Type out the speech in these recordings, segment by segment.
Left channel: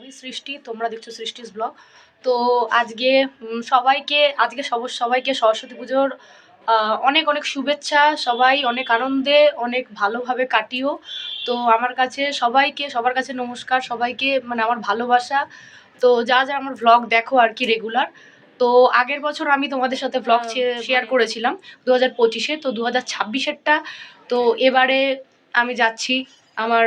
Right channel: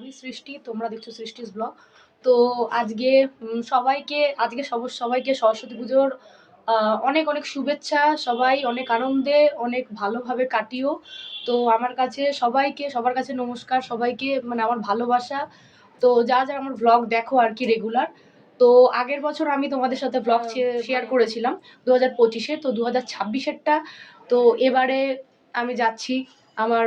আমি সৃষ্টি, তোমরা দেখছো সৃষ্টিস ব্লগ। তো আজকে সবাইকে সরস্বতী পুজোর অনেক অনেক শুভেচ্ছা। সবাই অনেক আনন্দে অনেক ভালোভাবে কাটিও। তো সবার কাছে নমস্কার, সবাইকে মানে আমার ভালোবাসা। তো যারা আমার ভ্লগ দেখো আর কি রেগুলার, তো আগের বছর আমি তোমাদের সাথে ভ্লগ শেয়ার করেছিলাম 2025-এ। তো 2026-এরটা তো এবারে আমি যাচ্ছি আমার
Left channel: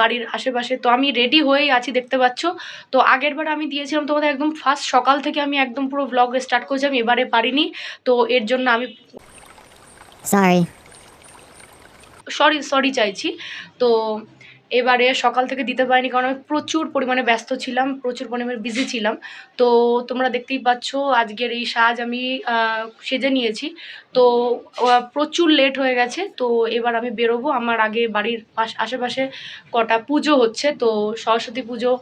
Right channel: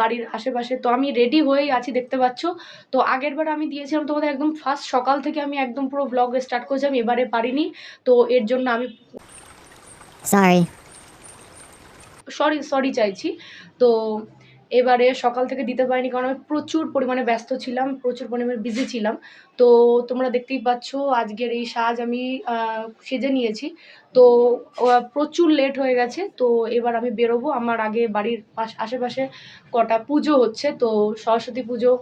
বাড়ির আশেপাশে। তো আমি রেডি হয়েই আছি, দেখতে পাচ্ছ। তো আগেরবার আমি দিয়েছিলাম তোমাদের একদম ফার্স্ট সকাল থেকে আমি একদম পুরো ব্লগ স্টার্ট করেছিলাম, এবারে পারিনি। তো এর জন্য আমি সরি চাইছি। তো এবারে সকাল থেকে দিতে পারিনি কারণ আমি প্রচুর পরিমাণে ব্যস্ত ছিলাম, প্রচুর পরিমাণে বিজি ছিলাম। তো তোমরা দেখতেই পাচ্ছ আজকের এই সাজ আমি সেজে নিয়েছি। তো প্রচুর লেট হয়ে গেছে। তো এবার আমি বেরোবো। আমার আগে বাড়ির আশেপাশে কটা পুজো হচ্ছে, তো সরস্বতী পুজো,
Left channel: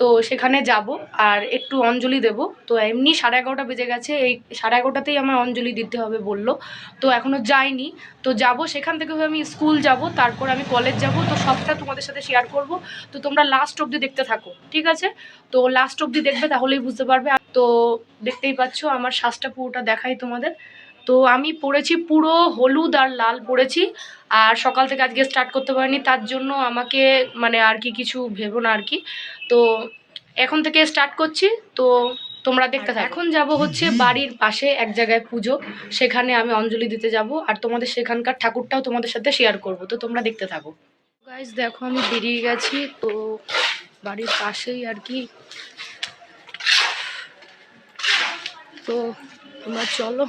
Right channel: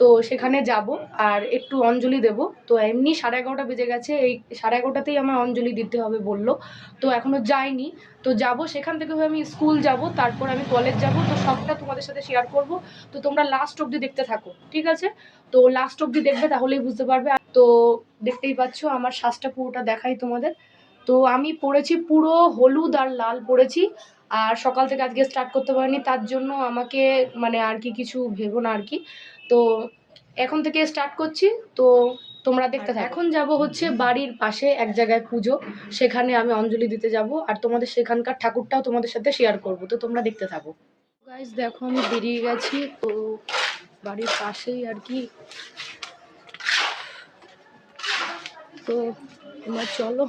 তো সেখানে যাব আর একটু অঞ্জলি দেব। তো এমনি 11:30 বেজে গেছে, এই 11:30তেই আমার অঞ্জলি দিতে হবে বললো। তো এখনও যাইনি। তো যাব, সেখান থেকে আমি স্কুল যাব, তারপর আমি কলেজ যাব। তো সবটা তোমাদের সাথে শেয়ার করব। তো তোমরা লাস্ট অবধি দেখতে থাকো, ঠিক আছে? তো লাস্ট অবধি দেখবে, তাহলেই বুঝতে পারবে। তো দেখতেই পাচ্ছ আমার সাজটা পুরোটা দেখাই তোমাদের। তো আমি পরেছি পুরো হলুদ আর লাল পরেছি। আর সকাল থেকে আজকে স্টার্ট করতে পারিনি, তার জন্য আমাকে মানে আর কি কিছু ভেবো না আর কি। তো এখন থেকে স্টার্ট করছি। তো তোমরা দেখতে থাকো। এখন যাব হচ্ছে বাড়ির পাশে এক জায়গায় পুজো, সেখানে আমি অঞ্জলি দিতে যাব আর তোমাদের সেখানকার ঠাকুরটাও তোমাদের সাথে শেয়ার করব। তো তোমরা দেখতে থাকো। গাইস দেখো আমি বেরিয়ে গেছি, তো বাড়ির পাশেই আর কি। তো তোমরা চলো,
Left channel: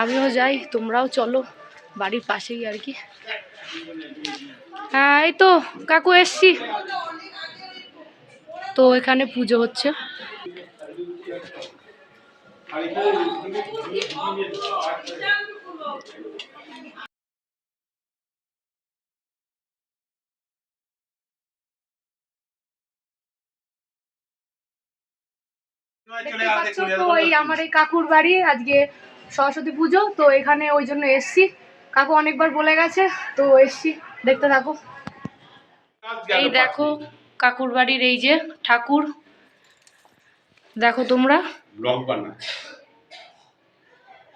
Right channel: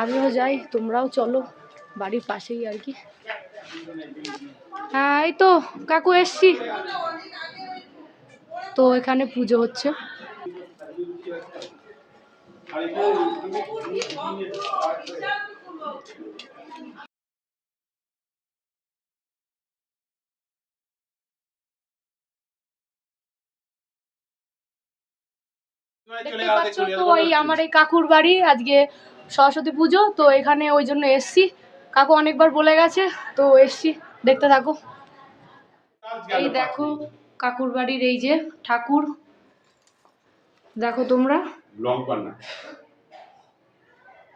আমিও যাই, তোমরাও চলো, বাড়ির পাশেই আর কি। হ্যাঁ এই তো কাকু এসছি। তো এখানে পুজো হচ্ছে। দেখতে পাচ্ছ তো এই আমার এই কাকুর বাড়ি, আজকে সরস্বতী পুজো, তো এখানে ওই জন্য এসছি। কাকু অনেকবার বলে গেছে, তো এসছি, দেখতে থাকো। এই দেখো কাকুর বাড়ির এই যে ঠাকুর, দেখো তোমরা।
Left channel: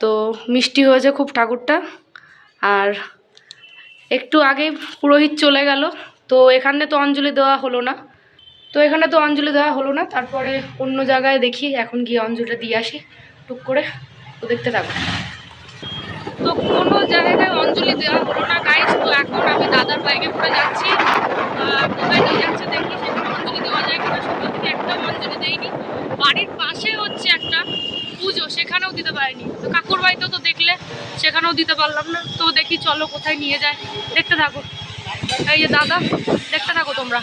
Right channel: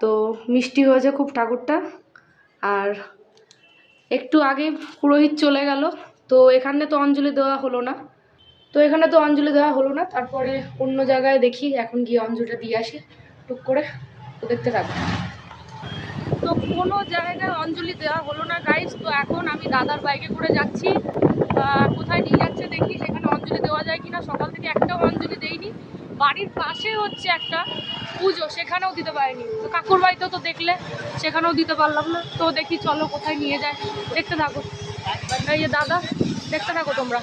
তো মিষ্টি হয়েছে খুব ঠাকুরটা। আর একটু আগে পুরোহিত চলে গেল, তো এখানে তো অঞ্জলি দেওয়া হলো না। তারপরে অন্য জায়গায় দেখি, এখন গিয়ে অঞ্জলিটা দিয়ে আসি টুক করে। তো দেখতে থাকো। তো কোনো জায়গায় অঞ্জলি দেওয়া হলো না গাইস। তো এখন আমি দাদার বাইকে করে যাচ্ছি, কোথায় নিয়ে যাচ্ছে দেখি, সেখানে অঞ্জলি দেওয়া যায় কিনা। সকাল থেকে একটাও অঞ্জলি দেইনি। বাড়ির পাশে হচ্ছে একটা পুজো, সেখানেও দিতে পারিনি। তো কাকুর বাড়িতেও তো দেখলে, সেখানেও দিতে পারলাম না। তো দেখি চলো কোথায় নিয়ে যায়, দেখতে থাকো। এই যে দাদা, দেখতে থাকো তোমরা।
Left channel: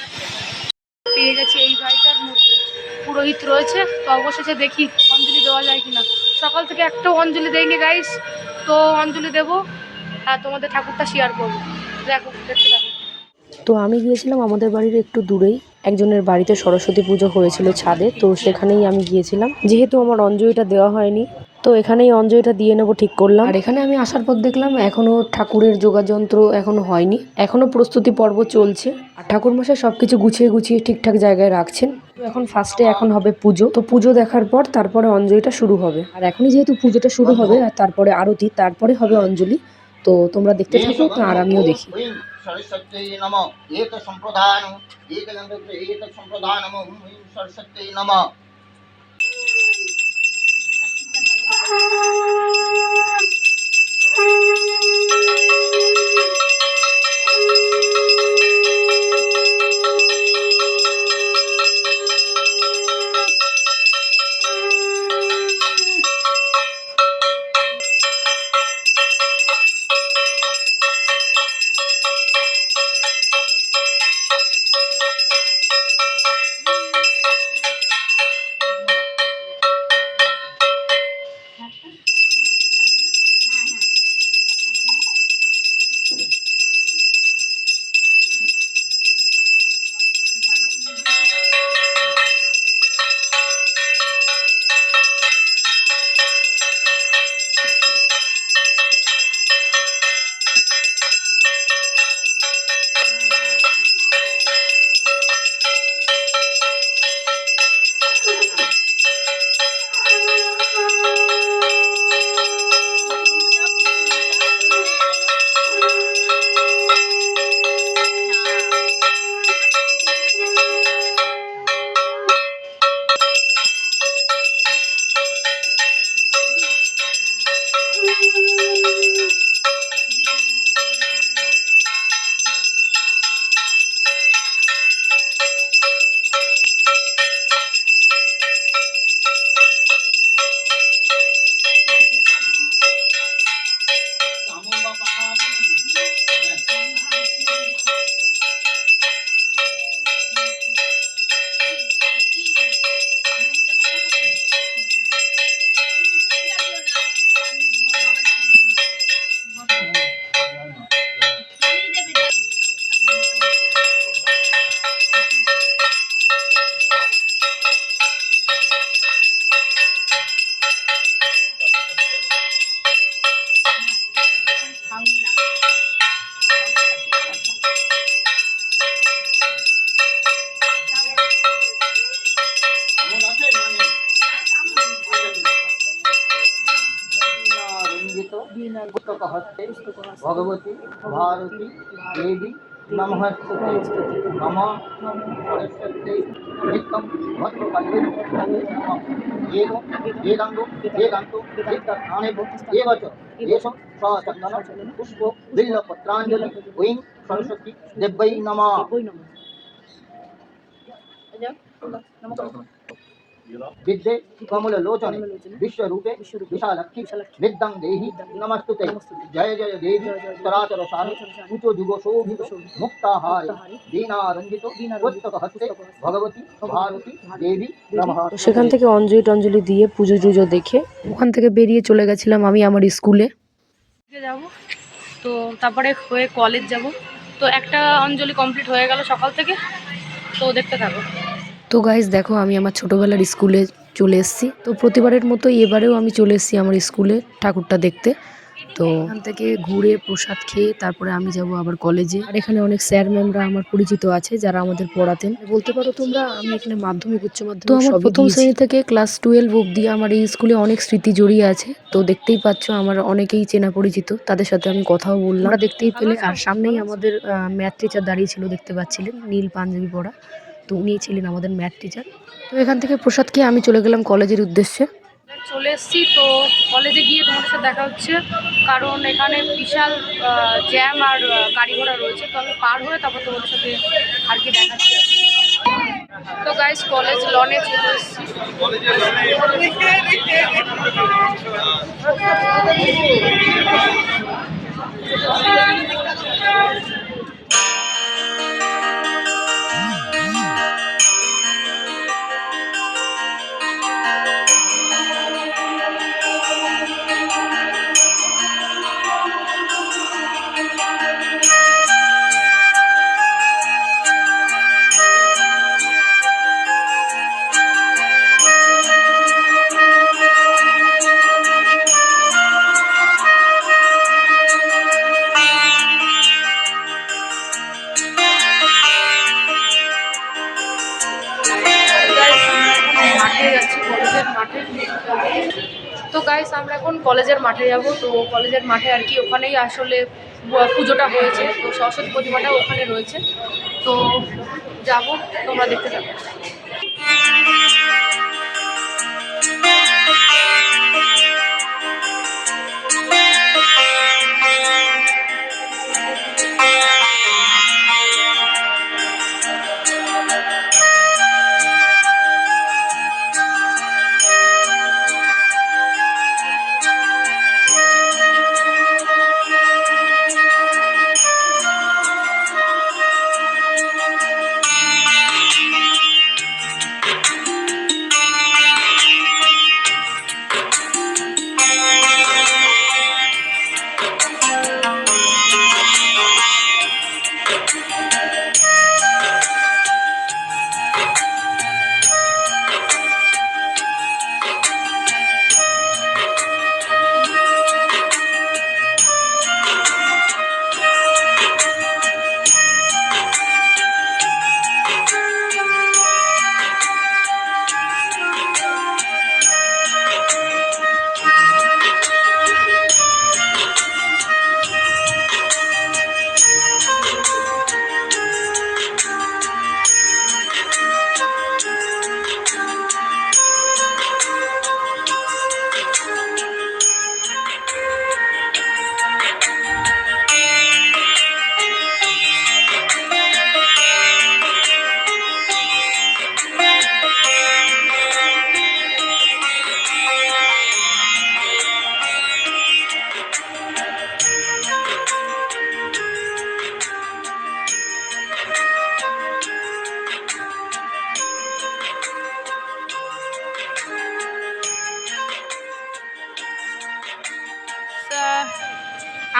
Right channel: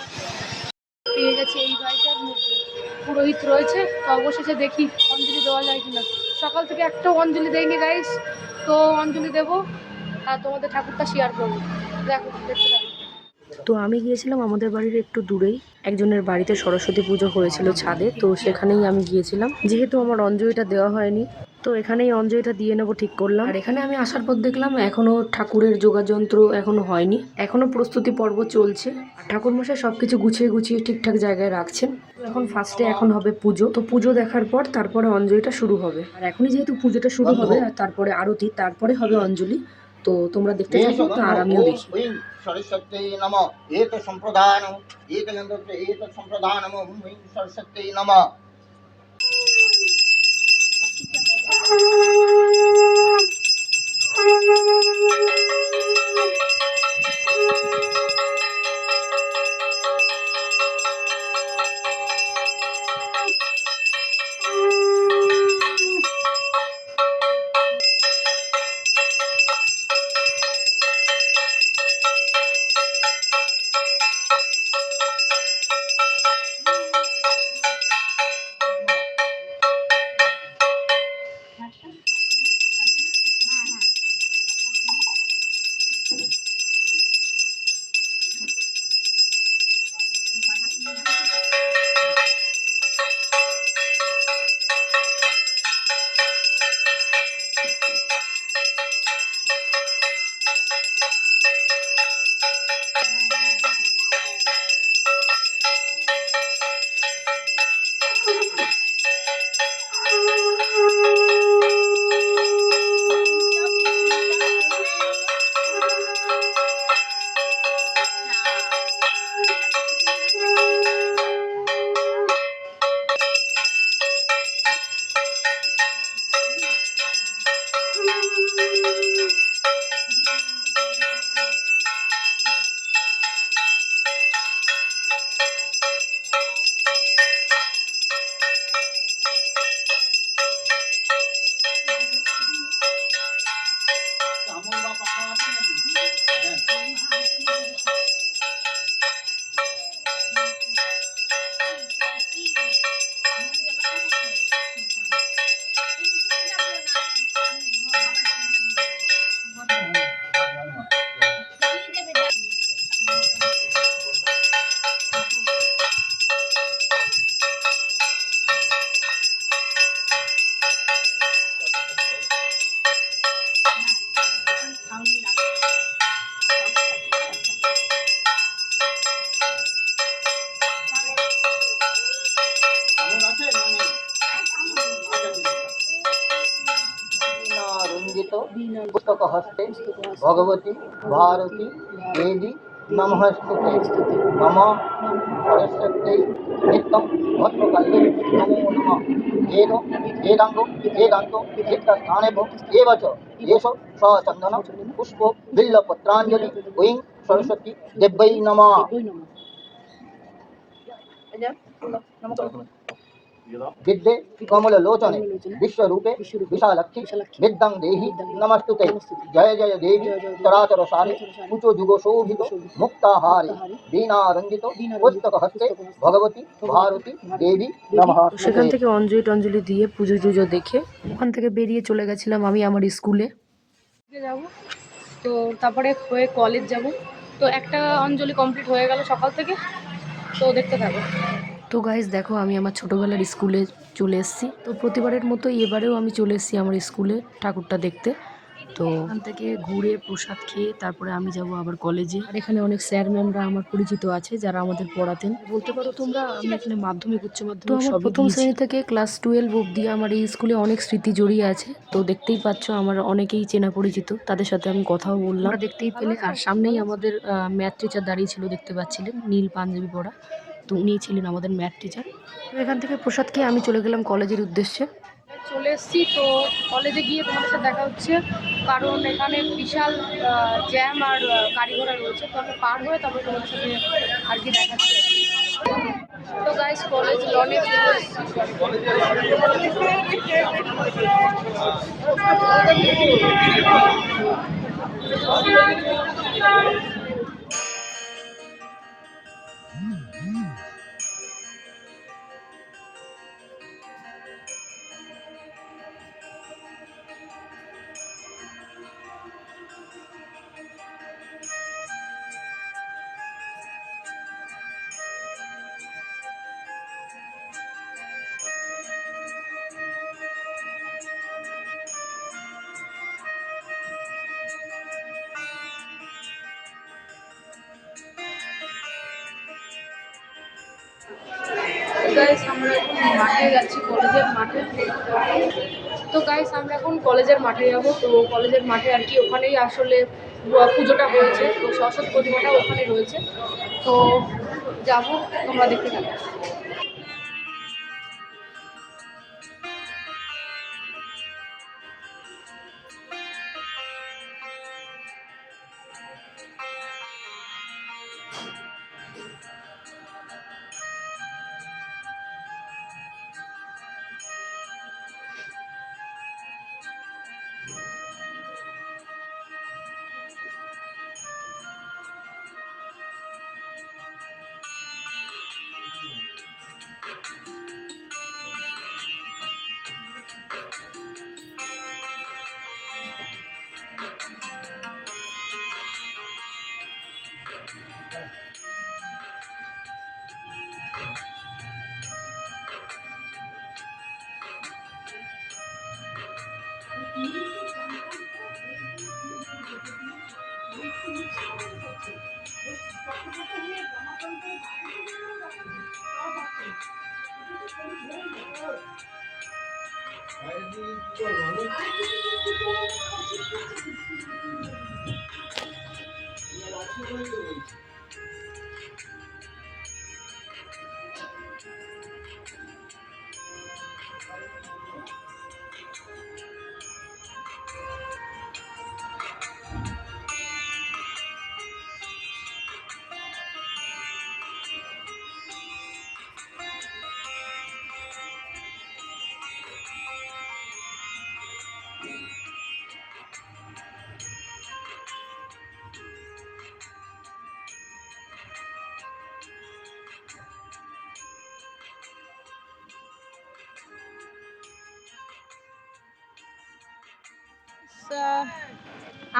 পেয়ে গেছি এই বাড়িটার মধ্যে পুরোহিত রয়েছে। তো অবশেষে দেখি অঞ্জলি দেওয়া যায় কিনা। সকাল থেকে একটাও অঞ্জলি দেয়নি গাইস। তো অঞ্জলি দেবো আর তোমাদের ঠাকুরটা শেয়ার করবো। দেখো, দেখতে থাকো। তো আমি গিয়েছিলাম আমাদের বাড়ির একটু দূরেই একজনের বাড়িতে সরস্বতী পুজো হয়েছিল ছাদে। তো সেখানেই আমি গিয়েছিলাম, যেহেতু আমার অঞ্জলিটা দেওয়া হয়নি, তো এখানেই অঞ্জলিটা দিয়ে নেবো ঠিক করলাম। আর এখানে আমি আসার পর দেখলাম এখনো ঠাকুরের যোগাযন্ত্র এখনো হয়নি, এখনো প্রস্তুতি পর্ব চলছে। আর ঠাকুরমশাই সবকিছু গুছিয়ে গুছিয়ে ঠিকঠাক জায়গায় রাখছেন। তো এখন ফার্স্টে এখন হবে পুজো, তো পুজো দেখার পর তারপরে অঞ্জলিটা শুরু হবে। আর এখনই যেহেতু পুজোটা শুরু হবে আর তারপরে আরতি, তারপরে হবে অঞ্জলি। তো তোমরা দেখতে থাকো, তো আর আমিও দেখি। सरस्वत्यै नमः एक संप्रदानम् एक संप्रदानम् सरस्वत्यै नमः। पुस्तक हस्ते भगवती भारती देवी नमस्ते नम सरस्वती नित्यं भद्रकाली नमो नमः वेद वेदांगो वेदांतो नित्यस्थानेभ्यो एव च येषु सचन्दन पुष्पो बिल्लपत्राञ्जलि ओं सरस्वती देव्यै नमः विद्ये कमललोचने विश्वरूपे विशालक्षी विद्यां देहि नमस्तुते जय जय देवी चराचर सारे ऊंचो जुगो शोभितो मुक्ताहारी दीनारंजितो पुस्तक हस्ते भगवती भारती देवी नमः। তো সেখান থেকে অঞ্জলি টঞ্জলি দিয়ে পুজো টুজো দেখে ওখান থেকে বেরিয়ে চলে গেছিলাম আমি আমার স্কুলে। যাব, তো তারপরে হয়ে কলেজ যাব। তো একটা অঞ্জলি কমপ্লিট হয়ে গেল সকাল থেকে, তো দেখতে থাকো। তো গাইজ দেখো আমি আমার ছোটোবেলার স্কুলে চলে এসেছি। তো প্রতিবারের মতো এবারেও আমি চলে এসেছি আমার স্কুলে ঠাকুরটা দেখতে। তো ওখান থেকে ঘুরে প্রসাদ খেয়ে তারপরে আমি যাব আবার কলেজে। আর এখানে অনেক স্যার ম্যামরা আমার পরিচিত আছে যারা আমাদের পড়াতেন। বলতে পারো তোমরা আমি এখানে মাধ্যমিক উচ্চ মাধ্যমিক তো আমার প্রথম শ্রেণী থেকে ক্লাস 12 অবধি আমার এই স্কুলে অনেক স্মৃতি জড়িয়ে আছে। তো দেখতেই পাচ্ছ আমার অনেকেই চেনা পরিচিত, তাদের সাথে আমি কথাও বললাম, দেখতেই পেলে। আর সামনেই আমাদের ম্যাথ টিচার দাঁড়িয়ে ছিল, দেখতে পাচ্ছিলেন, নীল পাঞ্জাবি পরা। তো উনিই ছিলেন আমাদের ম্যাথ টিচার। তো এখান থেকে প্রসাদ খেয়ে আমি চলে গেলাম কলেজের উদ্দেশ্যে। চলে এসেছি, তো কলেজে গিয়ে তোমাদের সাথে দেখা হচ্ছে, কারণ এখানে বিশাল জ্যাম আর গাড়ি ঘোড়া রয়েছে। তো আমি পার হয়ে তারপর তোমাদের সাথে আর কি দেখাচ্ছি। তো গাইস কলেজ লনে চলে এসেছি। মাঠে যাচ্ছি, কলেজের মাঠে। তো গাইস আমরা এখন কলেজের মাঠে যাব। তো কলেজের মাঠে আর কি ওখানেই আসলে পুজোটা হয়েছে, তো সরস্বতী প্রতিমাটা ওখানে রয়েছে। তো যাব, তোমরা দেখতে থাকো।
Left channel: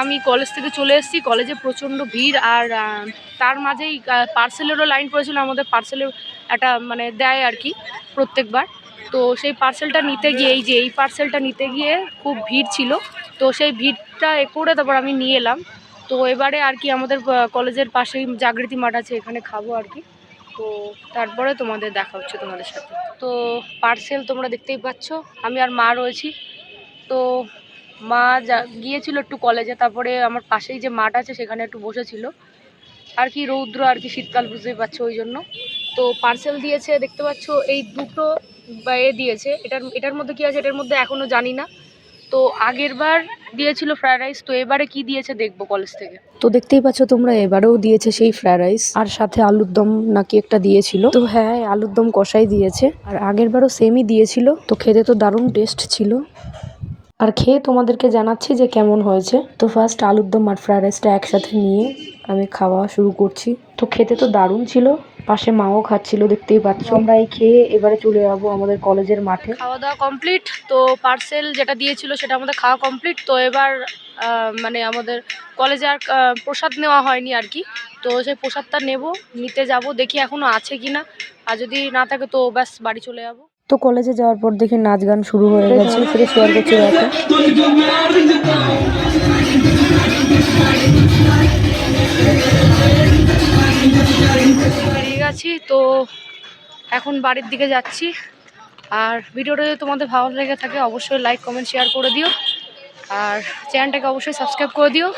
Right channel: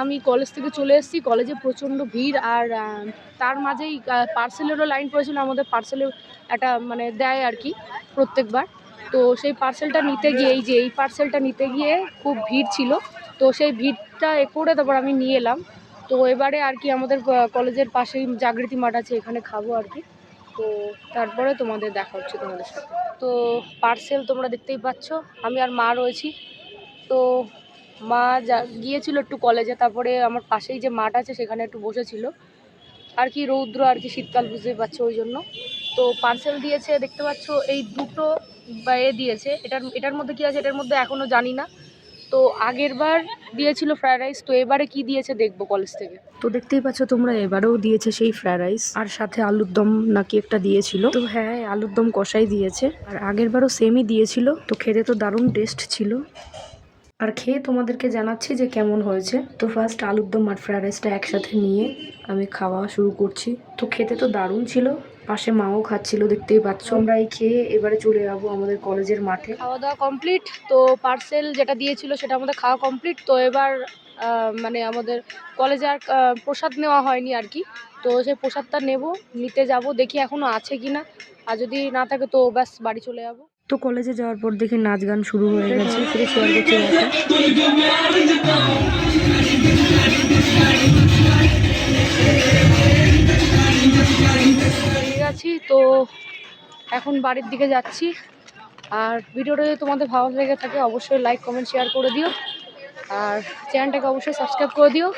আমি কলেজ থেকে চলে এসেছি। কলেজে প্রচণ্ড ভিড়, আর তার মাঝেই পার্সেলেরও লাইন পড়েছিল। আমাদের পার্সেলের একটা মানে দেয় আর কি প্রত্যেকবার। তো সেই পার্সেলটা নিতে গিয়ে এই পার্সেলটা নিতে গিয়ে খুব ভিড় ছিল। তো সেই ভিড়টা করে তারপর আমি নিয়ে এলাম। তো এবারে আর কি আমাদের কলেজের পাশেই জাগৃতি মাঠ আছে, এখানে খাবো আর কি। তো তারপরে তোমাদের দেখা হচ্ছে তোমাদের সাথে। তো পার্সেল তোমরা দেখতেই পাচ্ছ, আমি আর মা রয়েছি। তো মা গিয়েছিল একটু কলেজে, তারপরে আমার পাশেই যে মাঠ আছে সেখানে একটু বসেছিল আর কি, রৌদ্র আর কি, শীতকাল বুঝতেই পারছো ওই জন্য। তো পার্সেল দিয়েছে দেখতে পাচ্ছ, এই দুটো বা দিয়েছে, এটার মধ্যে কি আছে এটার মধ্যে এখনো জানি না। তো আগের বার দিয়েছিল ফ্রায়েড রাইস, তো এবারে কি দিয়েছে দেখবো কলেজ থেকে। তো দেখতেই পাচ্ছ তোমরা, এবারেও দিয়েছে সেই ফ্রায়েড রাইস, আর সাথে আলুর দম নাকি একটা দিয়েছিল। তো হ্যাঁ, আলুর দম কষাই দিয়েছে, আর আগের বারও সেমই দিয়েছিল। তো খেতে তো দারুণ টেস্ট ছিল, আর খেয়ে তোমাদেরকে জানাচ্ছি যে কেমন হয়েছে। তো ফার্স্ট আলুর দম আর ফ্রায়েড রাইসটা একসাথে নিয়ে আমি খাওয়া শুরু করছি। তো খেতে তো দারুণ ছিল, পাশে মাও খাচ্ছিল দেখতেই পাচ্ছ। আমরা এই খেয়ে এবারে চলে যাবো আমাদের কলেজের মাঠে। খাওয়া দাওয়া কমপ্লিট, তো পার্সেল যেটা দিয়েছিল সেটা আমাদের খাওয়া কমপ্লিট। তো এবার মানে আমাদের কলেজে আর প্রসাদ নেওয়া হয়নি আর কি, তো সেই প্রসাদটা নিতে যাব, দেখি এখনো আছে কিনা, আর যদি না থাকে তো ব্যাস বাড়ি চলে যাব। তো কলেজে যাওয়ার পর দেখি নাচ গান শুরু হয়ে গেছে, ফিরে শেয়ার করছি দেখো। ঠিক আছে, তো এখন বাড়ির দিকে যাচ্ছি। আর ভিডিওটা যদি তোমাদের ভালো লেগে থাকে অবশ্যই লাইক কমেন্ট শেয়ার করে দিও, আর চ্যানেলটাকে অবশ্যই সাবস্ক্রাইব করে দিও।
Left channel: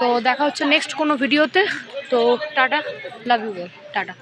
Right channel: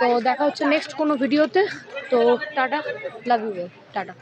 তো দেখা হচ্ছে নেক্সট কোনো ভিডিওতে। তো tata, love you all, tata.